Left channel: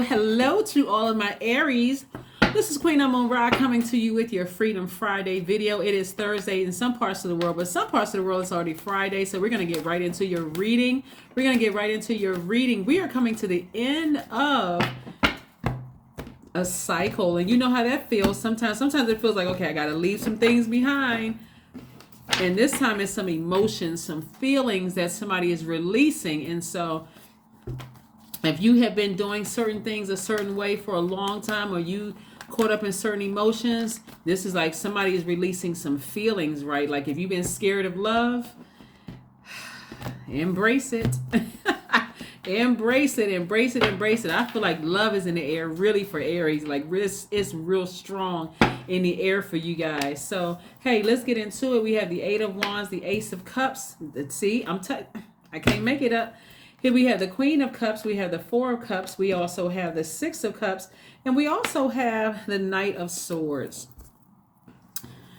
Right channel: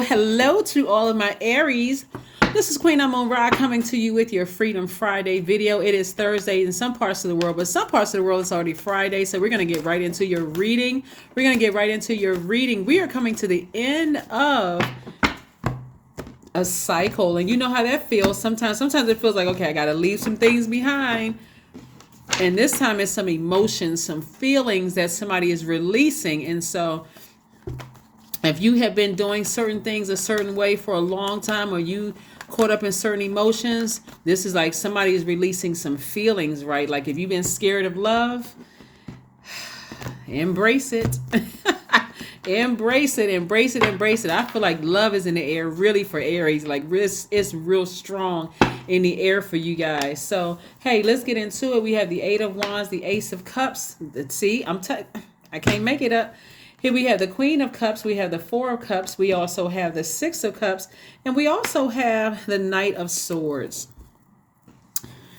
Hello to all of my Aries. This is Queen Amun Ra coming to you with your Freedom Friday video. It is Thursday in some parts of the world, but some parts of the world it's already Friday. So we're going to get right into your reading. We are coming to the end of a cycle, and you know how that feels. Sometimes it feels like, okay, I got to leave some things behind. And this time it's some emotions, some feelings that somebody is releasing. And so if you have been doing certain things a certain way for a long time, or you caught up in certain emotions, this is like somebody is releasing some feelings, right? Like if you've been scared of love, embrace it. Embrace it. I feel like love is in the air really for Aries. Like it's real strong in the air for you guys. So, hey, let's get into it. We have the Eight of Wands, the Ace of Cups. Let's see, I can't make it up. Here we have the Queen of Cups, we have the Four of Cups, we also have the Six of Cups, and we also have the Knight of Swords.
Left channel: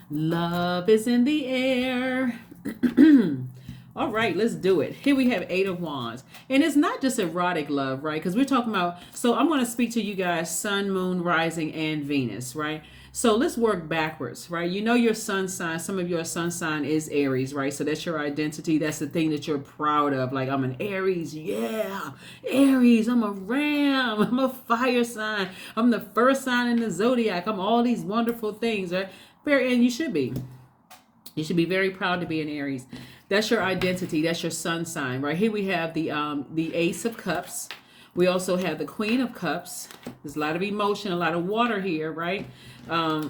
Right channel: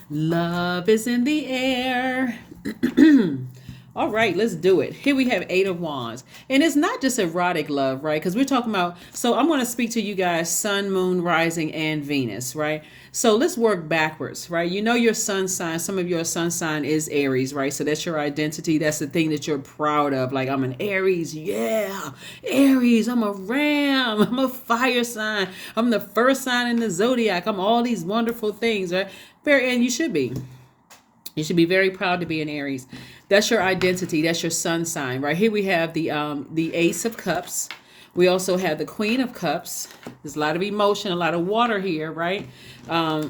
Love is in the air. All right, let's do it. Here we have Eight of Wands. And it's not just erotic love, right? Because we're talking about, so I'm going to speak to you guys, Sun, Moon, Rising, and Venus, right? So let's work backwards, right? You know your sun sign. Some of your sun sign is Aries, right? So that's your identity. That's the thing that you're proud of. Like, I'm an Aries. Yeah, Aries. I'm a Ram. I'm a fire sign. I'm the first sign in the Zodiac. I'm all these wonderful things, right? And you should be. You should be very proud to be an Aries. That's your identity. That's your sun sign, right? Here we have the Ace of Cups. We also have the Queen of Cups. There's a lot of emotion, a lot of water here, right?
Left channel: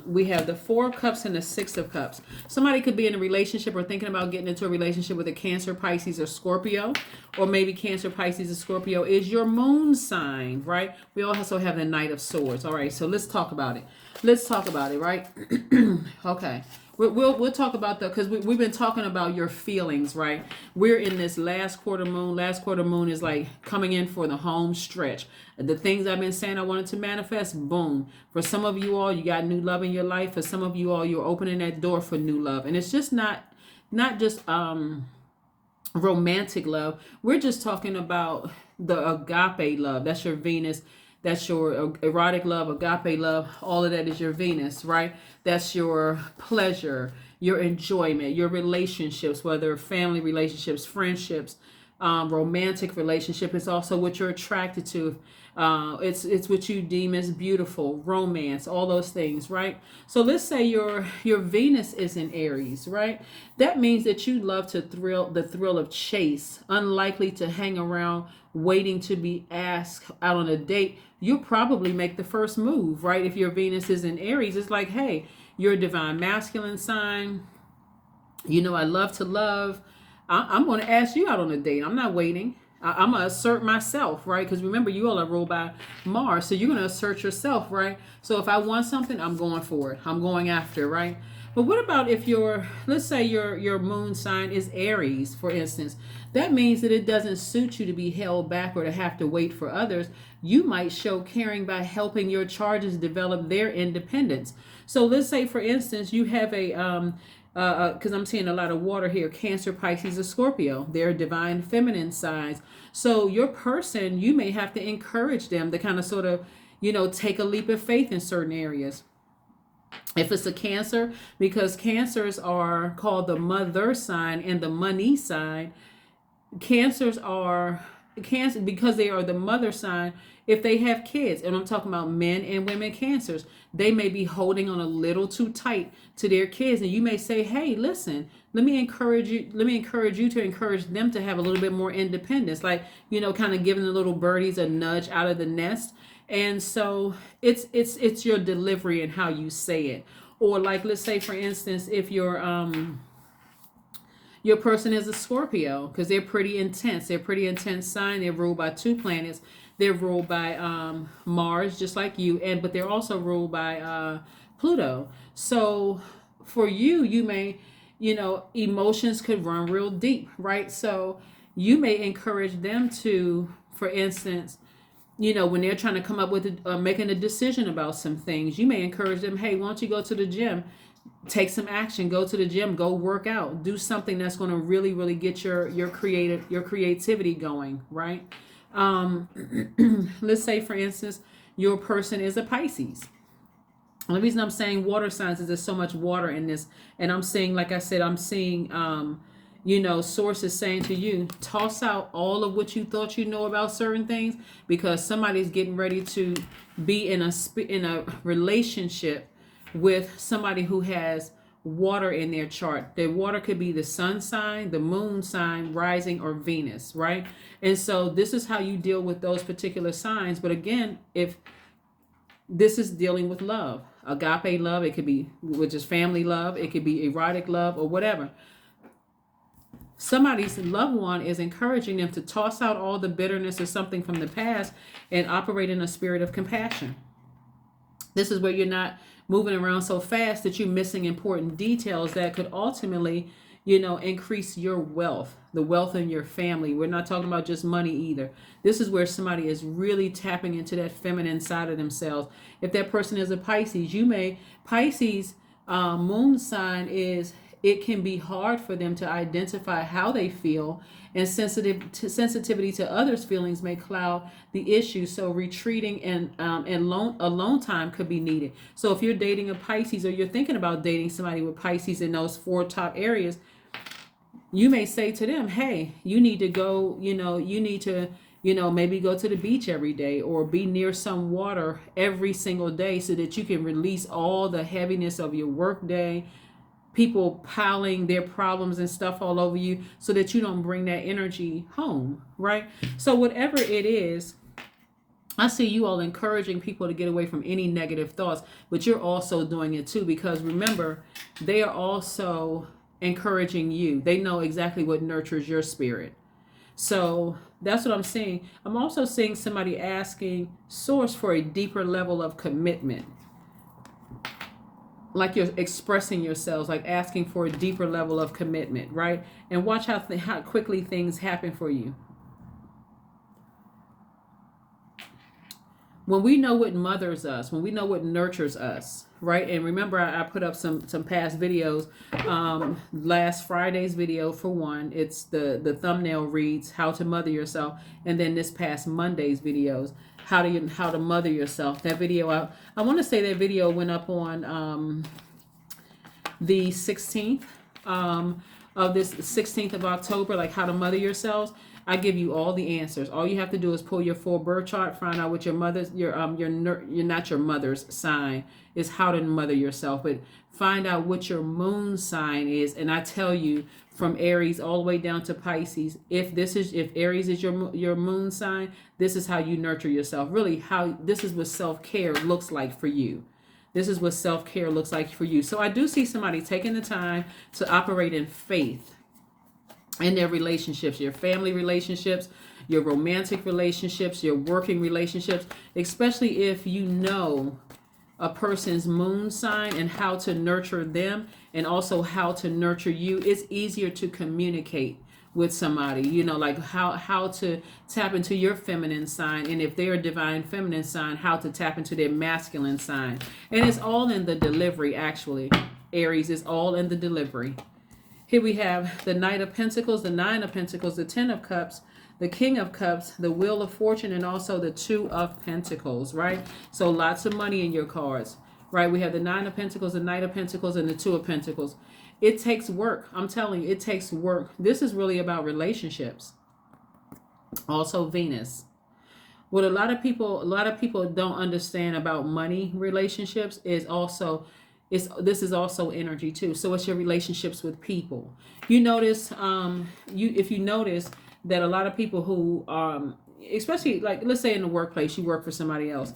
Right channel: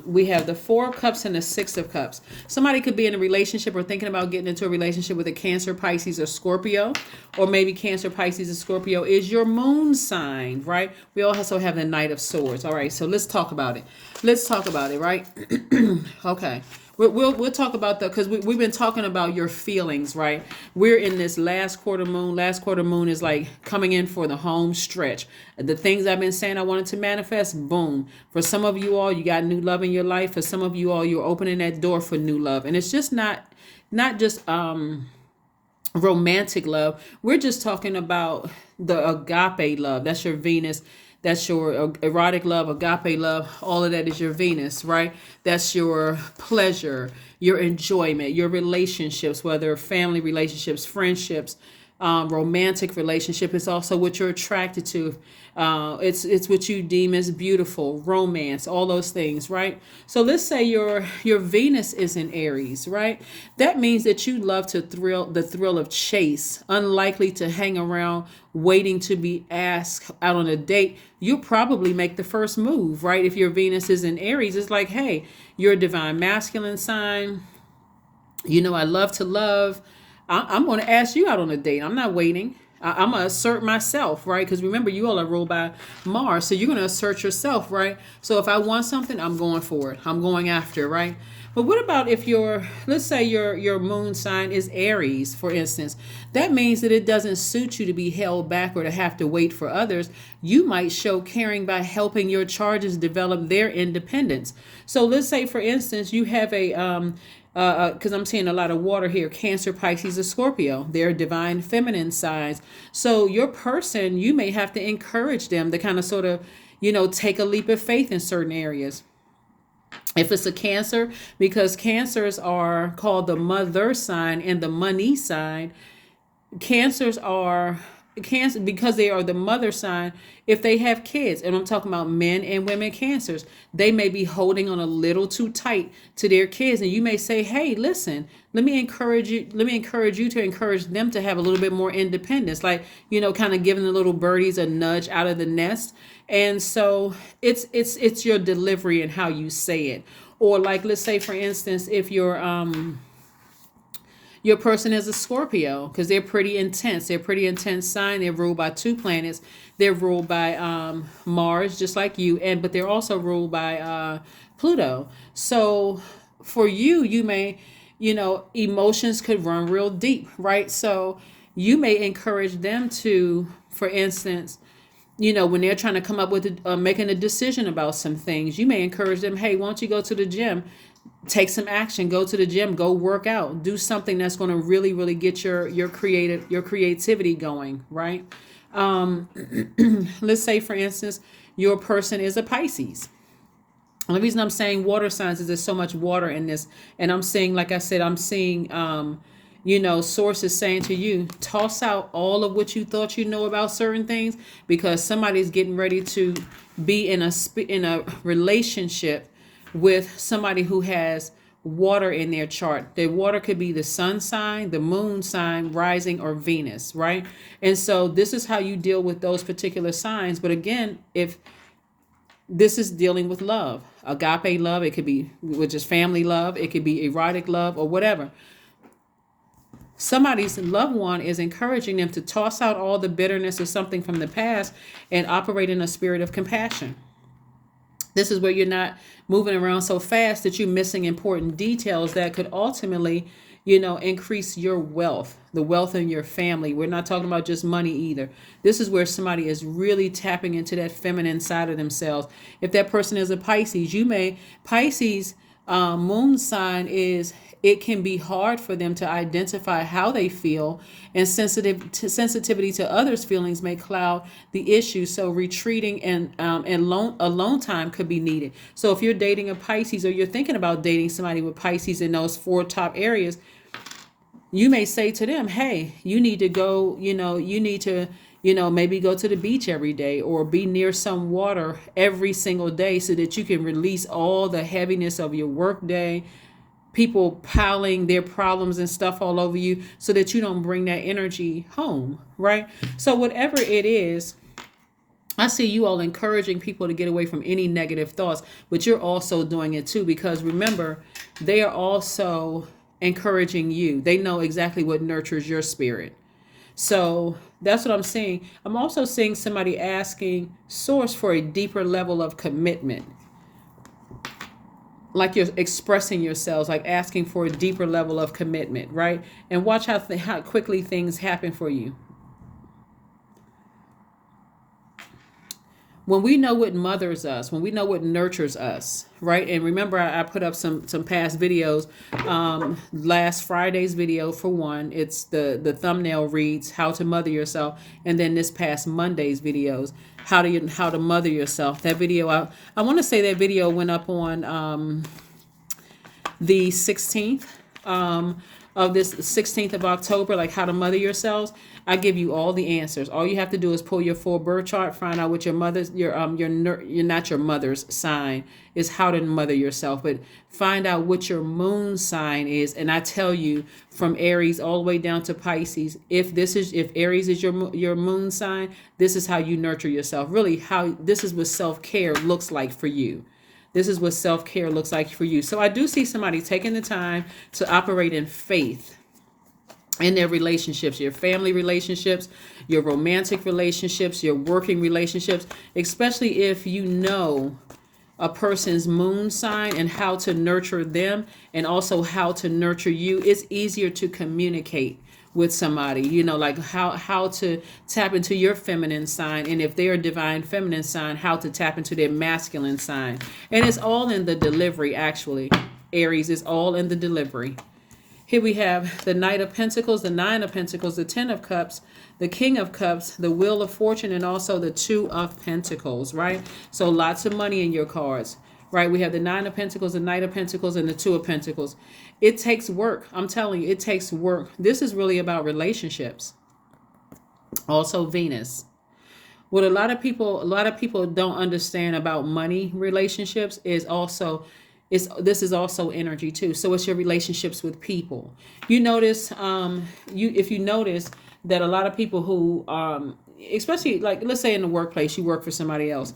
We have the Four of Cups and the Six of Cups. Somebody could be in a relationship or thinking about getting into a relationship with a Cancer, Pisces, or Scorpio. Or maybe Cancer, Pisces, or Scorpio is your moon sign, right? We also have the Knight of Swords. All right, so let's talk about it. Right? Okay. We'll talk about that because we've been talking about your feelings, right? We're in this last quarter moon. Last quarter moon is like coming in for the home stretch. The things I've been saying I wanted to manifest, boom. For some of you all, you got new love in your life. For some of you all, you're opening that door for new love. And it's just not just romantic love. We're just talking about the agape love. That's your Venus. That's your erotic love, agape love. All of that is your Venus, right? That's your pleasure, your enjoyment, your relationships, whether family relationships, friendships, romantic relationship. It's also what you're attracted to. It's what you deem as beautiful, romance, all those things, right? So let's say your Venus is in Aries, right? That means that you love the thrill of chase, unlikely to hang around waiting to be asked out on a date. You'll probably make the first move, right? If your Venus is in Aries, it's like, hey, you're a divine masculine sign. You know, I love to love. I'm going to ask you out on a date. I'm not waiting. I'm going to assert myself, right? Because remember, you all are ruled by Mars. So you're going to assert yourself, right? So if I want something, I'm going for it. I'm going after, right? But what about if let's say your moon sign is Aries, for instance. That means that it doesn't suit you to be held back or to have to wait for others. You might show caring by helping your charges develop their independence. So let's say, for instance, you have because I'm seeing a lot of water here, Cancer, Pisces, or Scorpio. They're divine feminine signs. So your person, you may have to encourage them to kind of sort of, take a leap of faith in certain areas. If it's a Cancer, because Cancers are called the mother sign and the money sign. Cancers are Cancer because they are the mother sign. If they have kids, and I'm talking about men and women Cancers, they may be holding on a little too tight to their kids, and you may say, hey, listen, let me encourage you to encourage them to have a little bit more independence, like, kind of giving the little birdies a nudge out of the nest. And so it's your delivery and how you say it. Or like, let's say, for instance, if your person is a Scorpio, because they're pretty intense. They're a pretty intense sign. They're ruled by two planets. They're ruled by Mars, just like you, but they're also ruled by Pluto. So for you may, emotions could run real deep, right? So you may encourage them to, for instance, when they're trying to come up with making a decision about some things, you may encourage them, hey, why don't you go to the gym? Take some action, go to the gym, go work out, do something that's going to really, really get your creativity going, right? Um, let's say, for instance, your person is a Pisces. And the reason I'm saying water signs is there's so much water in this. And I'm seeing, like I said, I'm seeing, sources saying to you, toss out all of what you thought you know about certain things, because somebody's getting ready to be in a relationship with somebody who has water in their chart. Their water could be the sun sign, the moon sign, rising, or Venus, right? And so this is how you deal with those particular signs. But again, if this is dealing with love, agape love, it could be, which is family love, it could be erotic love, or whatever. Somebody's loved one is encouraging them to toss out all the bitterness or something from the past and operate in a spirit of compassion. This is where you're not moving around so fast that you're missing important details that could ultimately, increase your wealth, the wealth in your family. We're not talking about just money either. This is where somebody is really tapping into that feminine side of themselves. If that person is a Pisces, Pisces moon sign is, it can be hard for them to identify how they feel, and sensitivity to others' feelings may cloud the issue. So retreating and alone time could be needed. So if you're dating a Pisces, or you're thinking about dating somebody with Pisces in those 4 top areas, you may say to them, hey, you need to go, you need to, maybe go to the beach every day, or be near some water every single day, so that you can release all the heaviness of your work day, people piling their problems and stuff all over you, so that you don't bring that energy home, right? So whatever it is, I see you all encouraging people to get away from any negative thoughts, but you're also doing it too, because remember, they are also encouraging you. They know exactly what nurtures your spirit. So that's what I'm seeing. I'm also seeing somebody asking source for a deeper level of commitment, like you're expressing yourselves, like asking for a deeper level of commitment, right? And watch how quickly things happen for you. When we know what mothers us, when we know what nurtures us, right? And remember, I put up some past videos. Last Friday's video, for one, it's the thumbnail reads how to mother yourself, and then this past Monday's videos, how to mother yourself. That video, I want to say that video went up on the 16th of this 16th of October, like how to mother yourselves. I give you all the answers. All you have to do is pull your full birth chart, find out what your mother's, you're not your mother's sign is, how to mother yourself, but find out what your moon sign is. And I tell you, from Aries all the way down to Pisces, if Aries is your moon sign, this is how you nurture yourself. Really, this is what self-care looks like for you. This is what self-care looks like for you. So I do see somebody taking the time to operate in faith in their relationships, your family relationships, your romantic relationships, your working relationships, especially if you know a person's moon sign and how to nurture them, and also how to nurture you. It's easier to communicate with somebody, like how to tap into your feminine sign, and if they're a divine feminine sign, how to tap into their masculine sign. And it's all in the delivery, actually. Aries is all in the delivery. Here we have the Knight of Pentacles, the Nine of Pentacles, the Ten of Cups, the King of Cups, the Wheel of Fortune, and also the Two of Pentacles, right? So lots of money in your cards, right? We have the Nine of Pentacles, the Knight of Pentacles, and the Two of Pentacles. It takes work. I'm telling you, it takes work. This is really about relationships. Also Venus. What a lot of people don't understand about money relationships is also, this is also energy too. So it's your relationships with people. You notice, if you notice that a lot of people who, especially like, let's say in the workplace, you work for somebody else.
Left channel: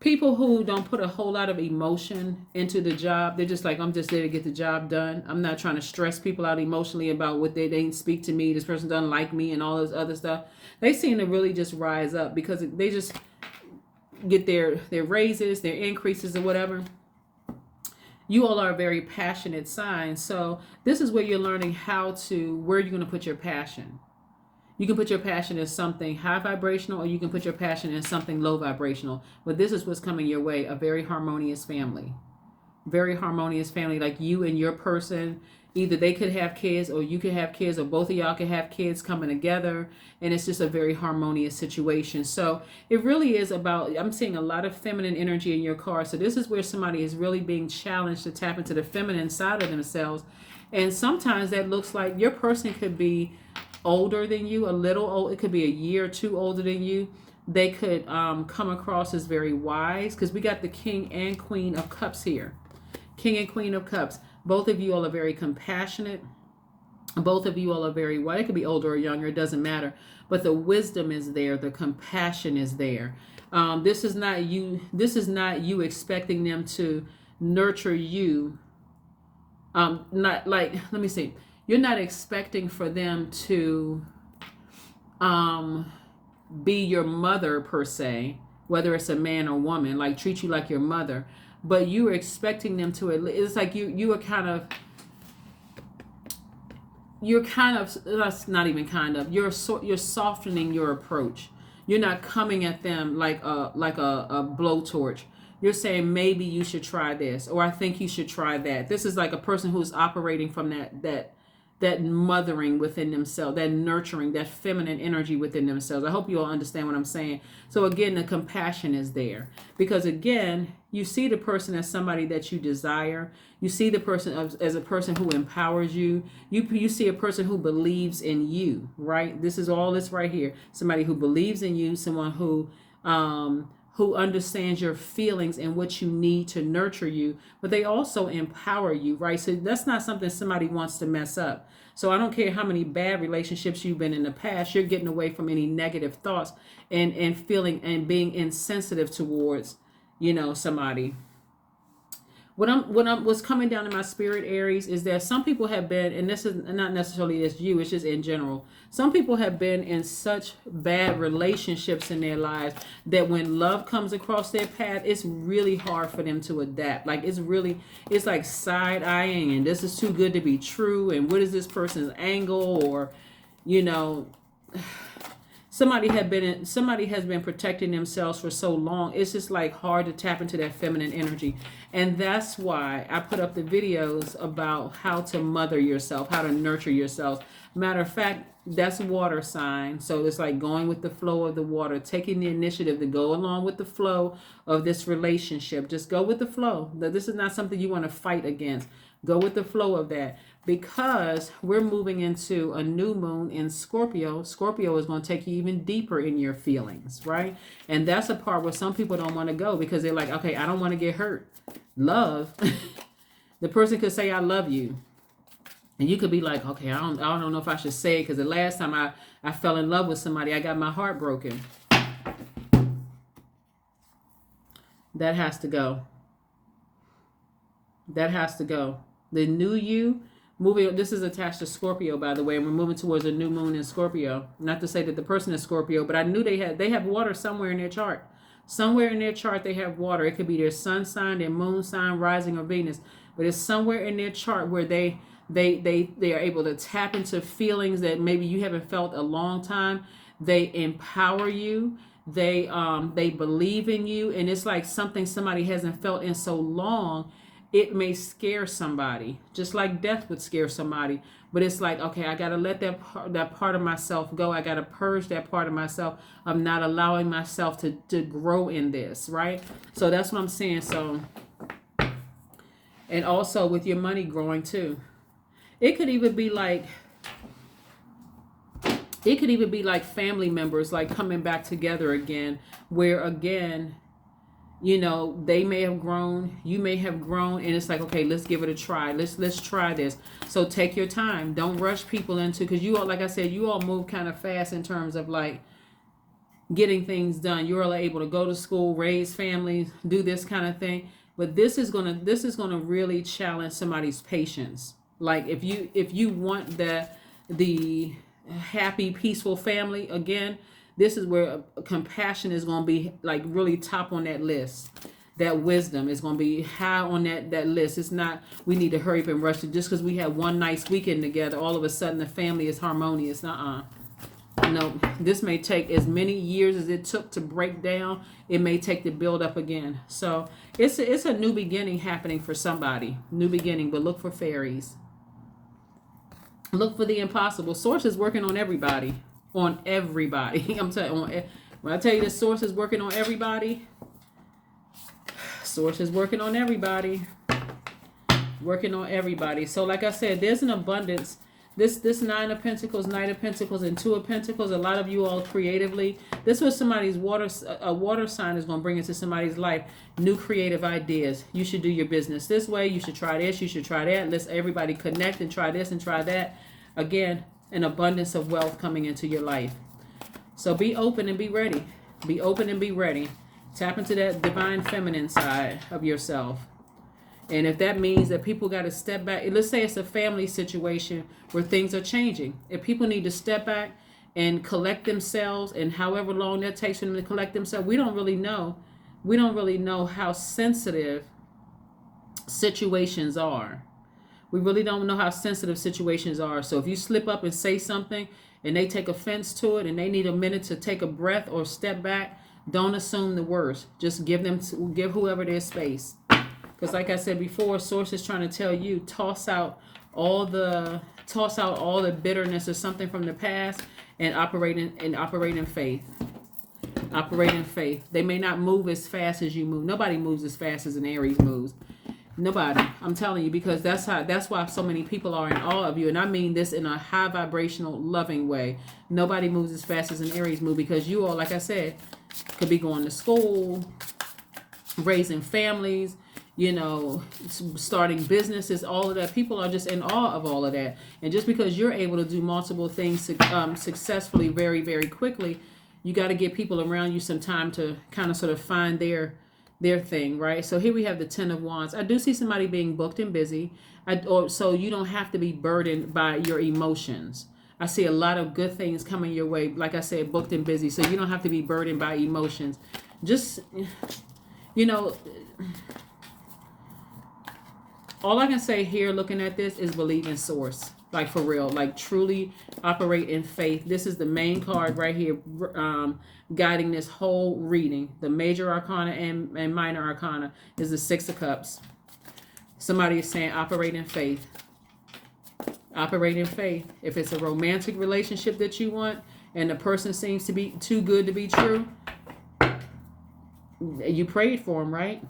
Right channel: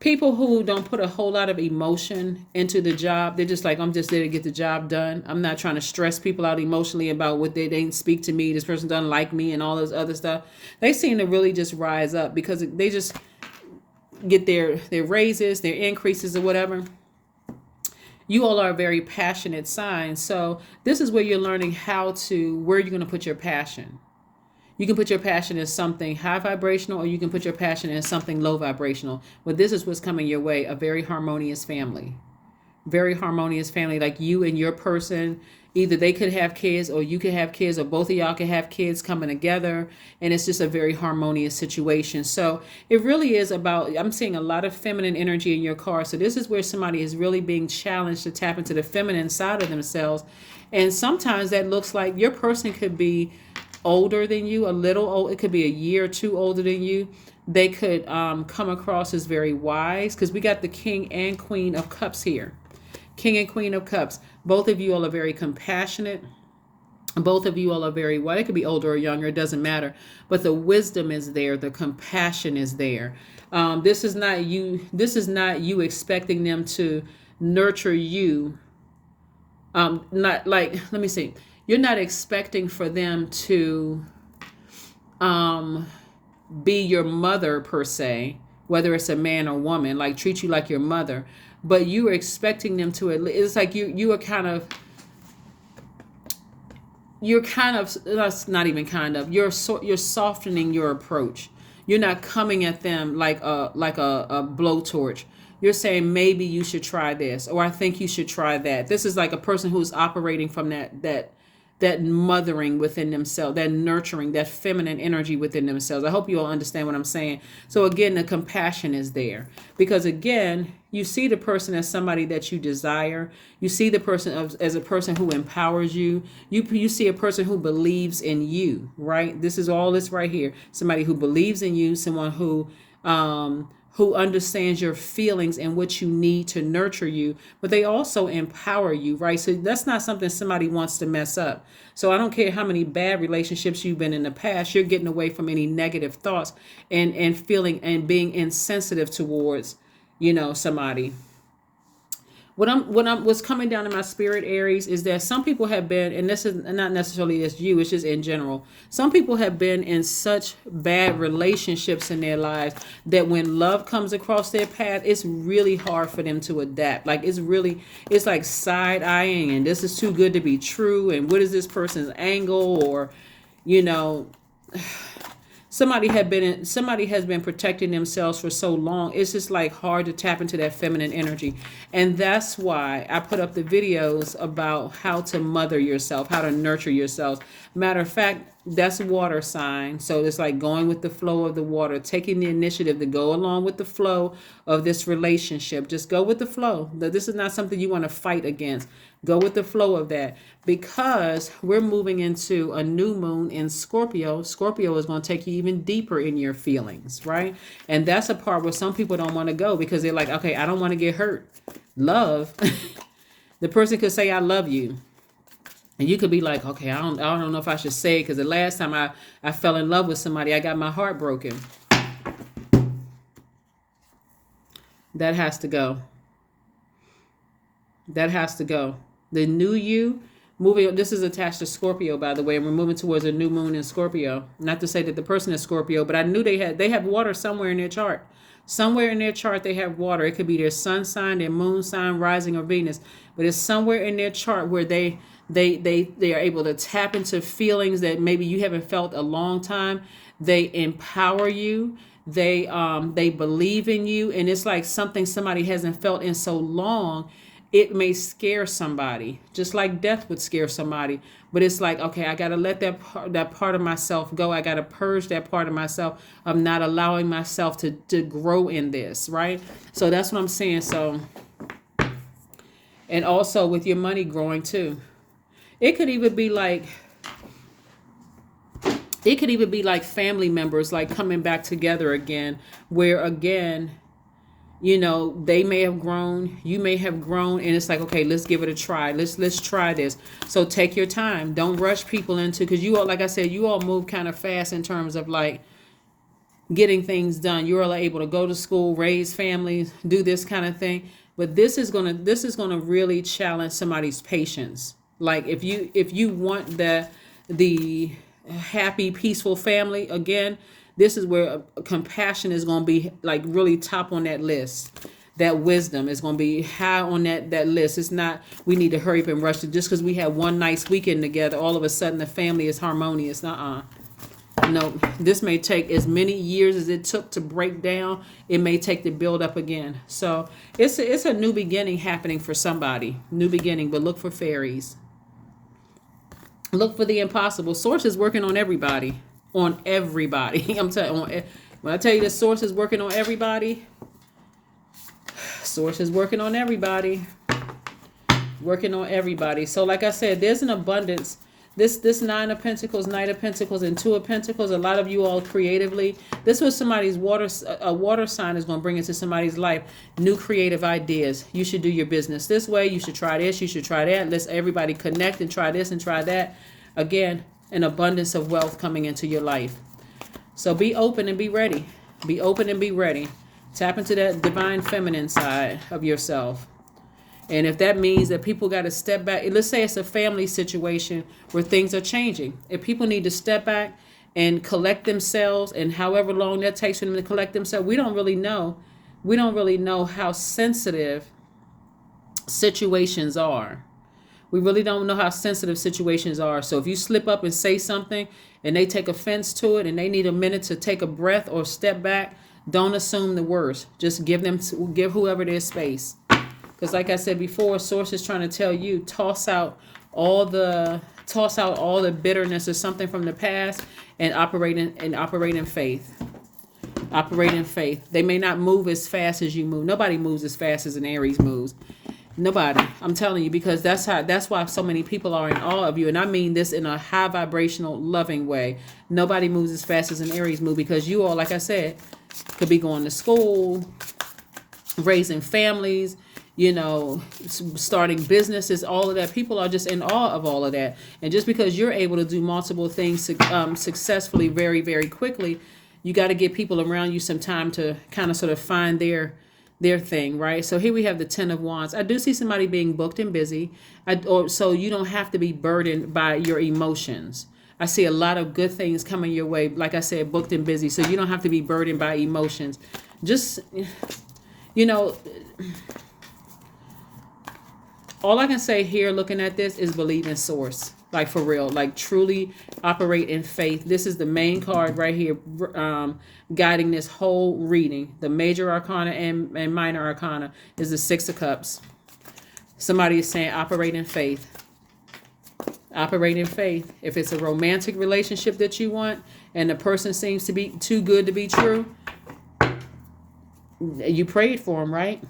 People who don't put a whole lot of emotion into the job, they're just like, I'm just there to get the job done. I'm not trying to stress people out emotionally about what they didn't speak to me, this person doesn't like me, and all this other stuff. They seem to really just rise up because they just get their raises, their increases, or whatever. You all are a very passionate sign. So this is where you're learning where you're going to put your passion. You can put your passion as something high vibrational, or you can put your passion as something low vibrational. But this is what's coming your way, a very harmonious family. Very harmonious family, like you and your person, Either they could have kids or you could have kids or both of y'all could have kids coming together, and it's just a very harmonious situation. So it really is about, I'm seeing a lot of feminine energy in your card. So this is where somebody is really being challenged to tap into the feminine side of themselves. And sometimes that looks like your person could be older than you, a little old. It could be a year or two older than you. They could come across as very wise, because we got the King and Queen of Cups here. King and Queen of Cups. Both of you all are very compassionate. Both of you all are very wise. It could be older or younger, it doesn't matter. But the wisdom is there, the compassion is there. This is not you expecting them to nurture you. Not like, let me see. You're not expecting for them to be your mother per se, whether it's a man or woman, like treat you like your mother. But you are expecting them to, it's like you are kind of, that's not even kind of, you're softening your approach. You're not coming at them like a blowtorch. You're saying, maybe you should try this, or I think you should try that. This is like a person who's operating from that mothering within themselves, that nurturing, that feminine energy within themselves. I hope you all understand what I'm saying. So again, the compassion is there, because again, you see the person as somebody that you desire. You see the person as a person who empowers you. You see a person who believes in you, right? This is all this right here. Somebody who believes in you, someone who understands your feelings and what you need to nurture you, but they also empower you, right? So that's not something somebody wants to mess up. So I don't care how many bad relationships you've been in the past, you're getting away from any negative thoughts and feeling and being insensitive towards, somebody. What's coming down in my spirit, Aries, is that some people have been, and this is not necessarily as you, it's just in general. Some people have been in such bad relationships in their lives that when love comes across their path, it's really hard for them to adapt. Like it's like side eyeing, and this is too good to be true. And what is this person's angle? Or, somebody has been protecting themselves for so long. It's just like hard to tap into that feminine energy. And that's why I put up the videos about how to mother yourself, how to nurture yourself. Matter of fact, that's water sign. So it's like going with the flow of the water, taking the initiative to go along with the flow of this relationship. Just go with the flow. This is not something you want to fight against. Go with the flow of that, because we're moving into a new moon in Scorpio. Scorpio is going to take you even deeper in your feelings, right? And that's a part where some people don't want to go, because they're like, okay, I don't want to get hurt. Love. The person could say, I love you. And you could be like, okay, I don't know if I should say it, because the last time I fell in love with somebody, I got my heart broken. That has to go. That has to go. The new you, this is attached to Scorpio, by the way, and we're moving towards a new moon in Scorpio. Not to say that the person is Scorpio, but I knew they have water somewhere in their chart. Somewhere in their chart they have water. It could be their sun sign, their moon sign, rising, or Venus, but it's somewhere in their chart where they are able to tap into feelings that maybe you haven't felt a long time. They empower you. They believe in you, and it's like somebody hasn't felt in so long. It may scare somebody, just like death would scare somebody. But it's like, okay, I got to let that part of myself go. I got to purge that part of myself. I'm not allowing myself to grow in this, right? So that's what I'm saying. So, and also with your money growing too. It could even be like family members, like coming back together again, where again, they may have grown, you may have grown, and it's like, okay, let's give it a try. Let's try this. So take your time. Don't rush people into, because you all, like I said, you all move kind of fast in terms of like getting things done. You're all able to go to school, raise families, do this kind of thing. But this is gonna really challenge somebody's patience. Like if you want the happy, peaceful family again, this is where compassion is going to be like really top on that list. That wisdom is going to be high on that list. It's not, we need to hurry up and rush it just because we have one nice weekend together. All of a sudden the family is harmonious. No, this may take as many years as it took to break down. It may take to build up again. So it's a new beginning happening for somebody. New beginning, but look for fairies. Look for the impossible. Source is working on everybody. On everybody. I'm telling you, when I tell you the source is working on everybody, source is working on everybody. Working on everybody. So like I said, there's an abundance. This Nine of Pentacles, Knight of Pentacles, and Two of Pentacles, a lot of you all creatively, this was somebody's a water sign is going to bring into somebody's life new creative ideas. You should do your business this way. You should try this. You should try that. Let's everybody connect and try this and try that. Again, an abundance of wealth coming into your life. So be open and be ready. Be open and be ready. Tap into that divine feminine side of yourself. And if that means that people got to step back, let's say it's a family situation where things are changing. If people need to step back and collect themselves, and however long that takes for them to collect themselves, we don't really know. We don't really know how sensitive situations are. We really don't know how sensitive situations are. So if you slip up and say something and they take offense to it and they need a minute to take a breath or step back, don't assume the worst. Just give whoever their space. Because like I said before, source is trying to tell you, toss out all the bitterness or something from the past and operate in faith. Operate in faith. They may not move as fast as you move. Nobody moves as fast as an Aries moves. Nobody. I'm telling you, because that's why so many people are in awe of you. And I mean this in a high vibrational, loving way. Nobody moves as fast as an Aries move, because you all, like I said, could be going to school, raising families, starting businesses, all of that. People are just in awe of all of that. And just because you're able to do multiple things successfully very, very quickly, you got to give people around you some time to kind of sort of find their thing, right? So here we have the Ten of Wands. I do see somebody being booked and busy, so you don't have to be burdened by your emotions. I see a lot of good things coming your way. Like I said, booked and busy, so you don't have to be burdened by emotions. Just, all I can say here looking at this is believe in source. Like for real. Like truly operate in faith. This is the main card right here guiding this whole reading. The major arcana and minor arcana is the Six of Cups. Somebody is saying operate in faith. Operate in faith. If it's a romantic relationship that you want and the person seems to be too good to be true, you prayed for them, right?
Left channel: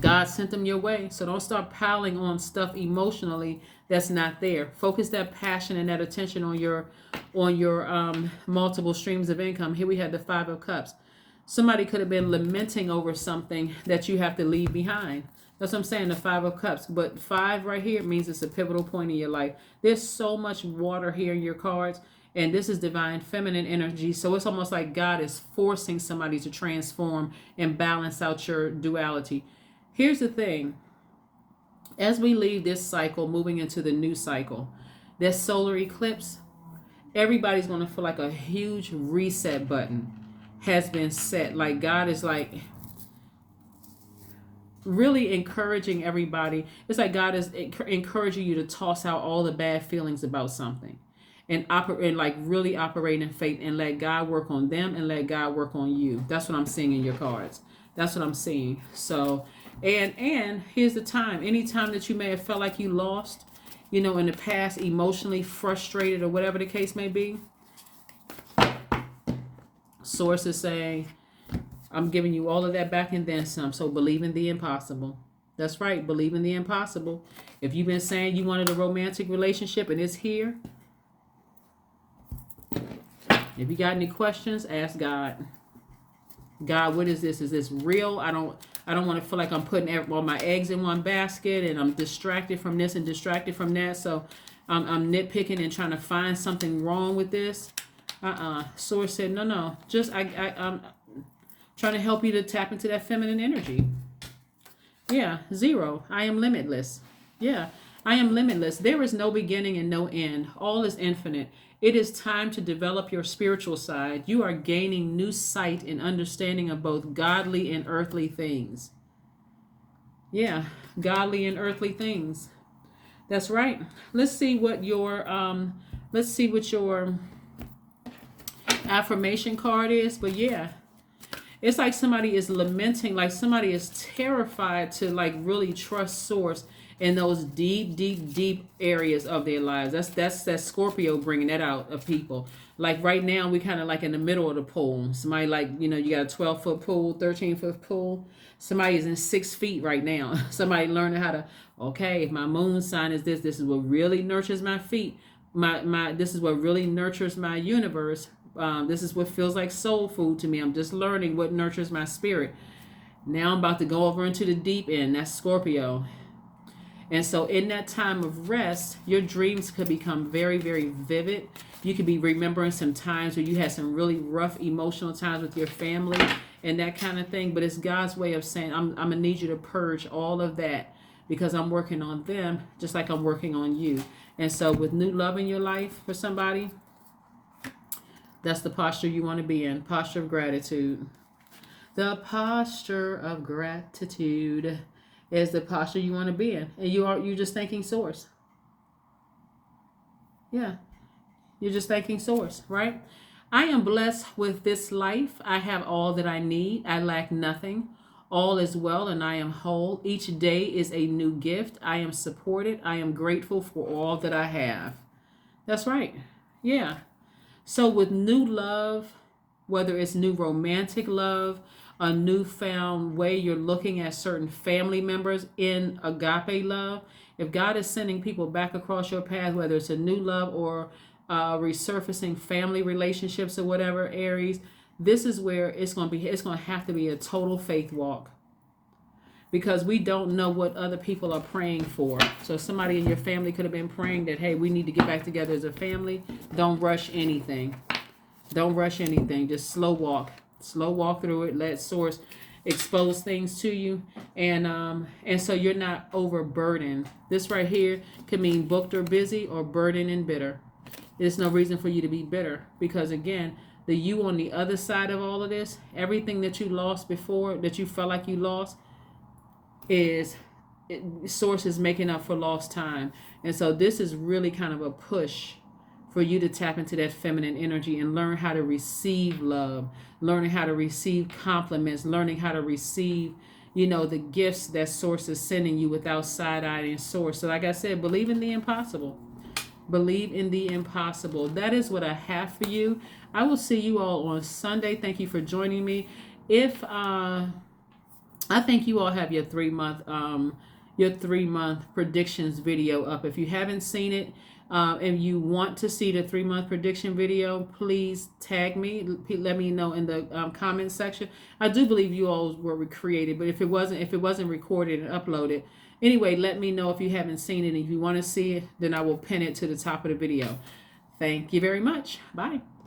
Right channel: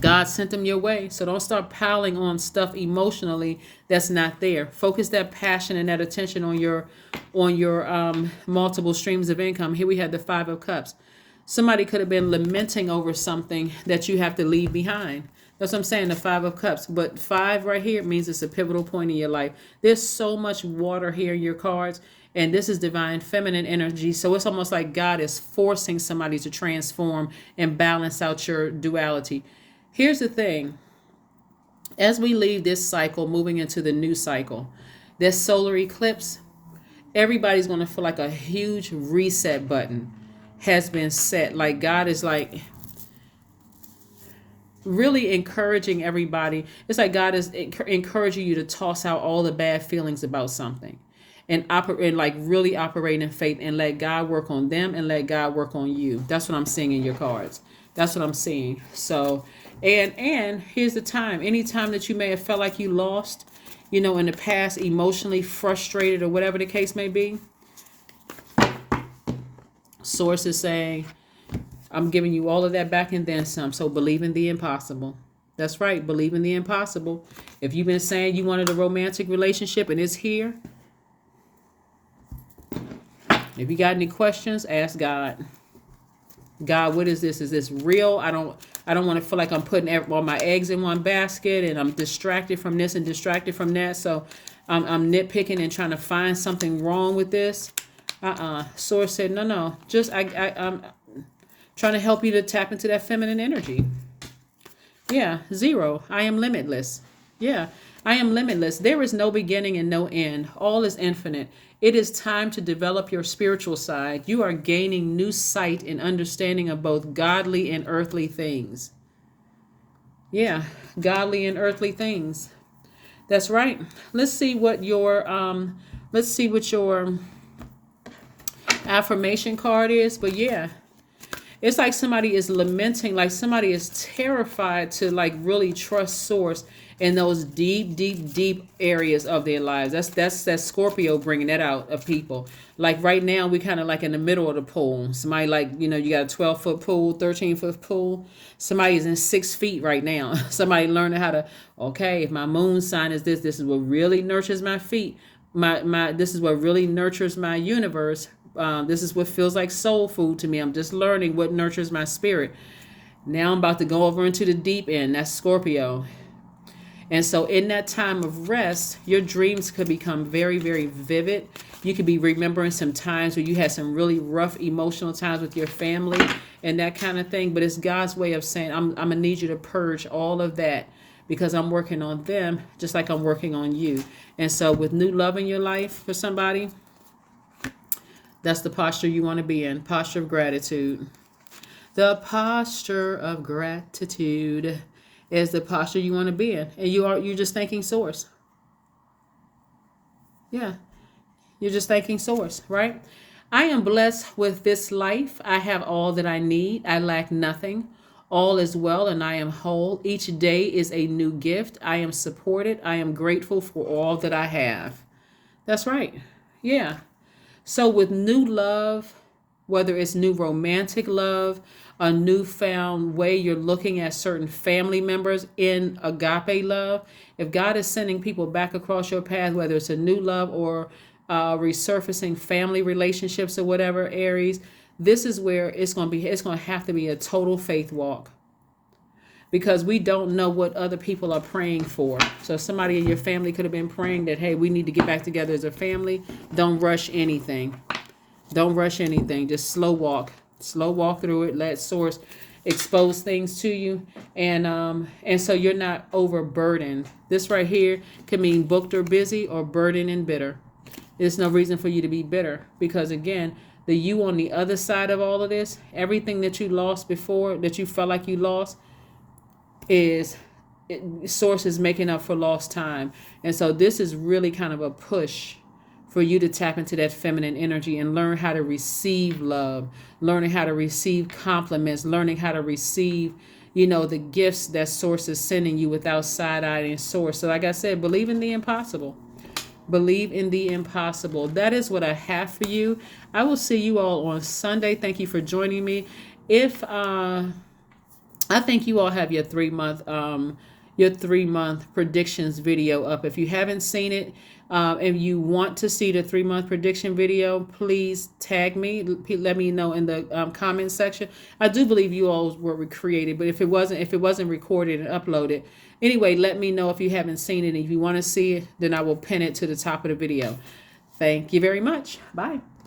God sent them your way. So don't start piling on stuff emotionally that's not there. Focus that passion and that attention on your multiple streams of income. Here we have the Five of Cups. Somebody could have been lamenting over something that you have to leave behind. That's what I'm saying, the Five of Cups. But five right here means it's a pivotal point in your life. There's so much water here in your cards. And this is divine feminine energy. So it's almost like God is forcing somebody to transform and balance out your duality. Here's the thing. As we leave this cycle, moving into the new cycle, this solar eclipse, everybody's going to feel like a huge reset button has been set. Like God is like really encouraging everybody. It's like God is encouraging you to toss out all the bad feelings about something and really operate in faith and let God work on them and let God work on you. That's what I'm seeing in your cards. That's what I'm seeing. So, and here's the time. Anytime that you may have felt like you lost, in the past, emotionally frustrated or whatever the case may be, Source is saying, I'm giving you all of that back and then some. So believe in the impossible. That's right. Believe in the impossible. If you've been saying you wanted a romantic relationship and it's here, if you got any questions, ask God. God, what is this? Is this real? I don't want to feel like I'm putting all my eggs in one basket and I'm distracted from this and distracted from that. So I'm nitpicking and trying to find something wrong with this. Source said, no. Just I'm trying to help you to tap into that feminine energy. Yeah, 0. I am limitless. Yeah, I am limitless. There is no beginning and no end. All is infinite. It is time to develop your spiritual side. You are gaining new sight and understanding of both godly and earthly things. Yeah, godly and earthly things. That's right. Let's see what your affirmation card is. But yeah, it's like somebody is lamenting, like somebody is terrified to like really trust Source in those deep, deep, deep areas of their lives. That's Scorpio bringing that out of people. Like right now, we kind of like in the middle of the pool. Somebody like, you know, you got a 12-foot pool, 13-foot pool. Somebody is in 6 feet right now. Somebody learning how to, okay, if my moon sign is this is what really nurtures my feet. This is what really nurtures my universe. This is what feels like soul food to me. I'm just learning what nurtures my spirit. Now I'm about to go over into the deep end. That's Scorpio. And so in that time of rest, your dreams could become very, very vivid. You could be remembering some times where you had some really rough emotional times with your family and that kind of thing. But it's God's way of saying, I'm going to need you to purge all of that because I'm working on them just like I'm working on you. And so with new love in your life for somebody, that's the posture you want to be in. Posture of gratitude. The posture of gratitude is the posture you want to be in. And you're just thanking source. Yeah. You're just thanking source, right? I am blessed with this life. I have all that I need. I lack nothing. All is well and I am whole. Each day is a new gift. I am supported. I am grateful for all that I have. That's right. Yeah. So with new love, whether it's new romantic love, a newfound way you're looking at certain family members in agape love, if God is sending people back across your path, whether it's a new love or resurfacing family relationships or whatever, Aries, this is where it's going to have to be a total faith walk, because we don't know what other people are praying for. So somebody in your family could have been praying that, hey, we need to get back together as a family. Don't rush anything. Don't rush anything. Just slow walk through it. Let source expose things to you, and so you're not overburdened. This right here could mean booked or busy, or burdened and bitter. There's no reason for you to be bitter, because again, the you on the other side of all of this, everything that you lost before, that you felt like you lost, source is making up for lost time. And so this is really kind of a push for you to tap into that feminine energy and learn how to receive love, learning how to receive compliments, learning how to receive, the gifts that source is sending you without side-eyeing source. So like I said, believe in the impossible. Believe in the impossible. That is what I have for you. I will see you all on Sunday. Thank you for joining me. If I think you all have your 3-month predictions video up. If you haven't seen it, and you want to see the 3-month prediction video, please tag me. Let me know in the comment section. I do believe you all were created, but if it wasn't recorded and uploaded, anyway, let me know if you haven't seen it. If you want to see it, then I will pin it to the top of the video. Thank you very much. Bye.